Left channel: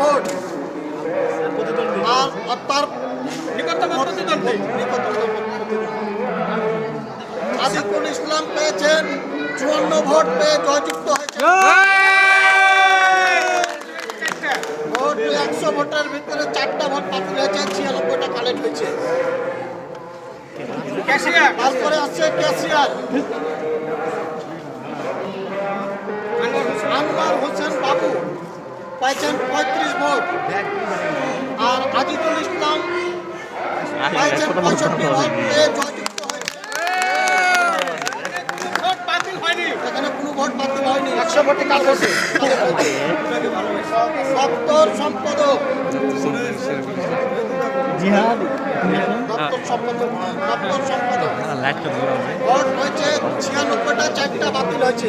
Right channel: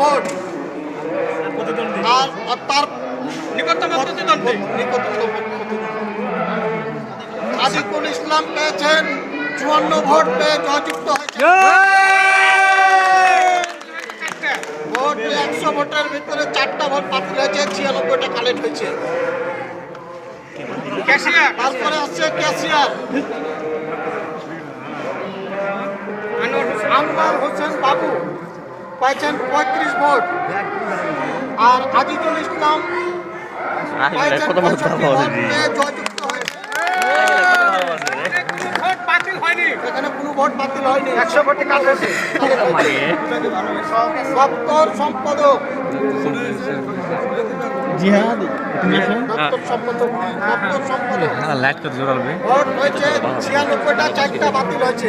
Vote. আর তার নিকটতম প্রতিদ্বন্দ্বী সাদিকুল ইসলাম পেয়েছেন 54 ভোট পেয়ে জয়যুক্ত হয়েছে। ভোট 100 ভোটের ভিতরে 4টা ভোট বাতিল হয়েছে, 96টা কালেক্ট হয়েছে। তারপরে আসছে ক্যাশিয়ার আনোয়ার হোসেন বাবু পাইছেন 35 ভোট। আর আজিজুল ইসলাম পাইছেন 65 ভোট পেয়ে জয়যুক্ত হয়েছে। এখানে কোনো ভোট বাতিল হয়নি, 100 ভোটে কাজ হয়েছে। দপ্তর সম্পাদক ভোট হয়েছে 96টা, 4টা বাতিল হয়েছে।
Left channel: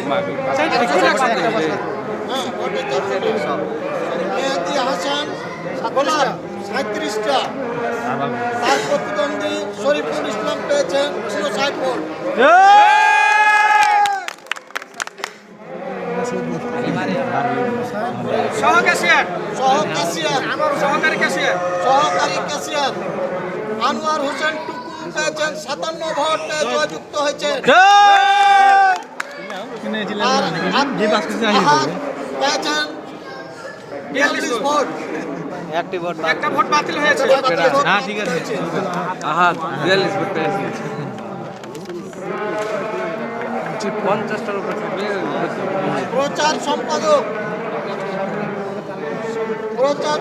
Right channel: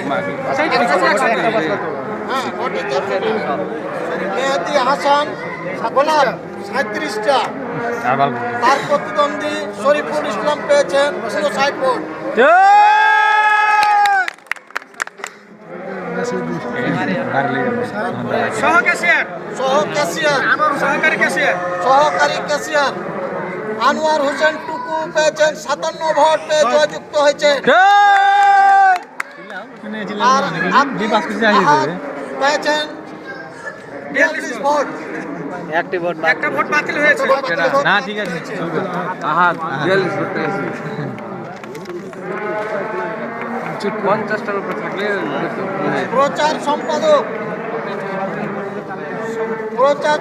মেহেদি হাসান গোলাপ 37টা। তার প্রতিদ্বন্দ্বী শরীফুল ইসলাম পেয়েছেন 59 ভোট। সহকারী ক্যাশিয়ার আনোয়ার হোসেন টুকু পেয়েছেন 57 ভোট পেয়ে জয়যুক্ত হয়েছে। আর পেয়েছেন 42 ভোট। একটা ভোট বাতিল হয়েছে। হ্যাঁ ঠিক আছে। আহাদ 42 ভোট পেয়েছে। 50টার উপর থাকলে প্রচার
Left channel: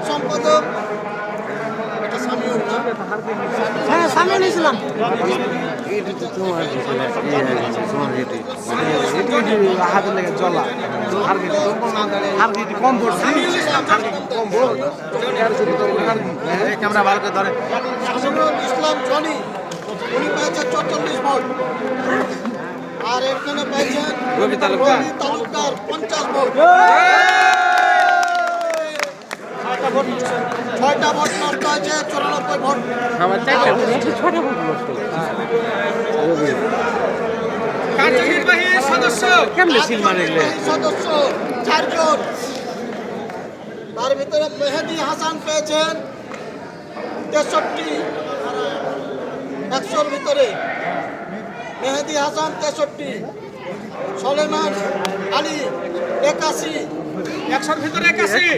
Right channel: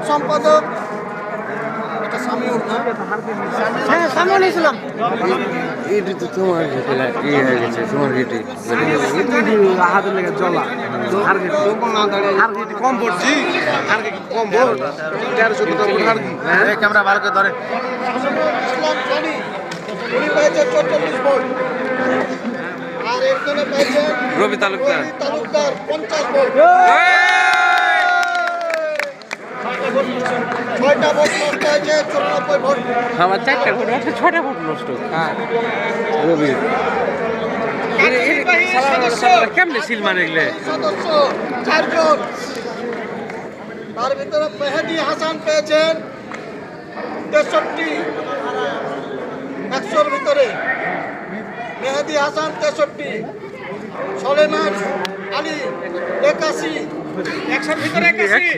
সম্পাদক এটা সামিউল না? হ্যাঁ সামিউল ইসলাম। এটা তো তোমার কি হয়ে গেছে তোমার ভিটি আহাদের লেগে জ্বলা আর কি কম পড়ছি ক্যামেরা বার করে ধরে। সামিউল ইসলাম জনি উনি পেয়েছেন 44 ভোট। আর এখানে পেয়েছেন রবি তালুকদার 50 ভোট। 6টা ভোট নষ্ট হয়েছে, 94 ভোট। আমার 6টা ভোট নষ্ট। হ্যাঁ রবি কার্যনির্বাহী সদস্য কেমনে সিল মারে গেলে সদস্য 4 জন। তার ভিতরে মেহেদি হাসান পেয়েছেন 63, 100-র ভিতরে মেহেদি হাসান 63, সলেমান আলী 81, 100-র ভিতরে 81,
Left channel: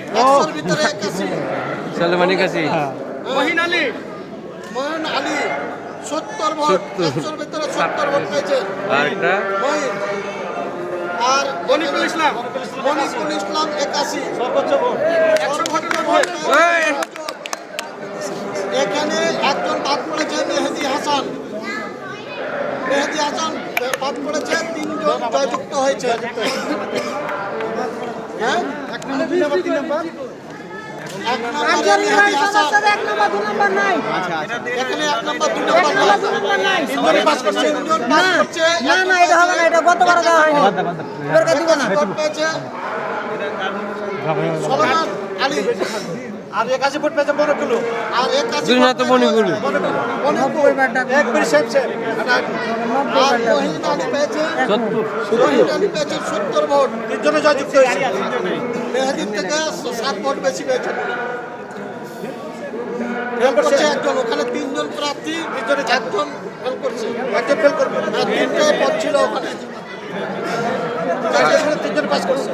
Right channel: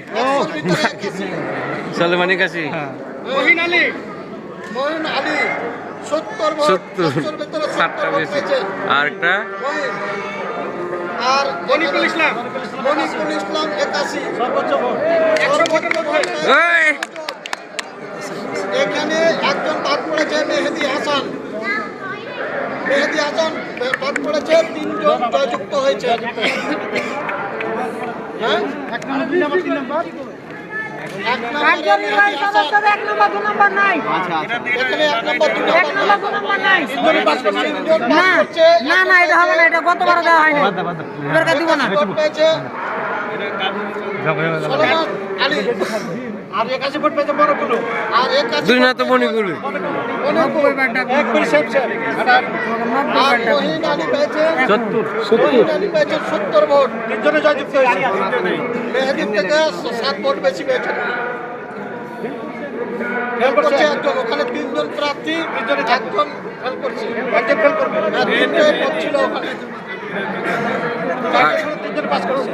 সলেমানের কাছে মহিন আলী 70 ভোট, 100-র ভিতরে 70 ভোট পেয়েছেন। আর মনিকুল ইসলাম 81, সর্বোচ্চ ভোট 100 ভোটের মধ্যে। এখানে একজন বাদ পড়েছে মেহেদি হাসান বাদ পড়েছে, 3 জন জয়যুক্ত হয়েছে। হ্যাঁ এক নম্বর 2 নম্বর 3 নম্বর এখানে 1 নম্বর 2 নম্বর নাই। না এটা হবে না, এটা গতবার দেওয়া হয়নি, দিব না। ভোট পেয়েছে সলেমান আলী। আর 81 ভোট পেয়েছে বড়গুলো। আর 81 দুই তো বনিগুলো 90 বার ডাক। আর মহিন আলী পেয়েছে 70 ভোট। 3 জনে জয়যুক্ত হয়েছে। মেহেদি থেকে 7 ভোট বেশি পেয়েছে। ফেল করছে একজন, ওখানে 3 জন প্রার্থী, 3 জনে 1 জন ফেল করছে। একজন ফেল করবে, 3টে পদ ছিল ওখানে।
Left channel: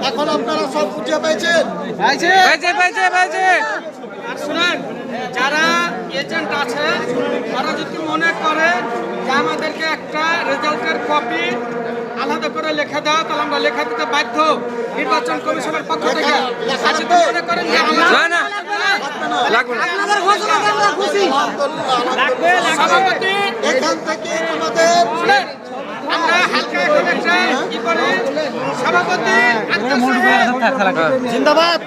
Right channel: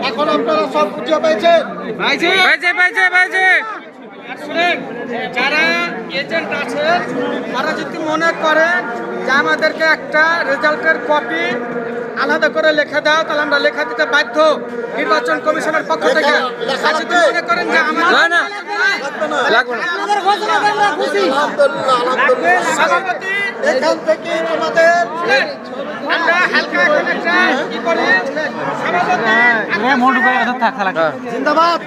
এখন আপনারা সব বুঝে পেয়েছেন? আর শুনেন, যারা এজেন্ট আছে তারা যদি মনে করেন যে আমাদেরকে একটা রেজাল্টের কপি আলাদা করে লেখা দাও, তাহলে আমরা লেখা দিতে বাধ্য নির্বাচন কমিশনের পক্ষ থেকে। আর যদি মনে করেন যে সভাপতি এখান থেকে আমাদের আমরা কি করে সভাপতি জিন্দাবাদ।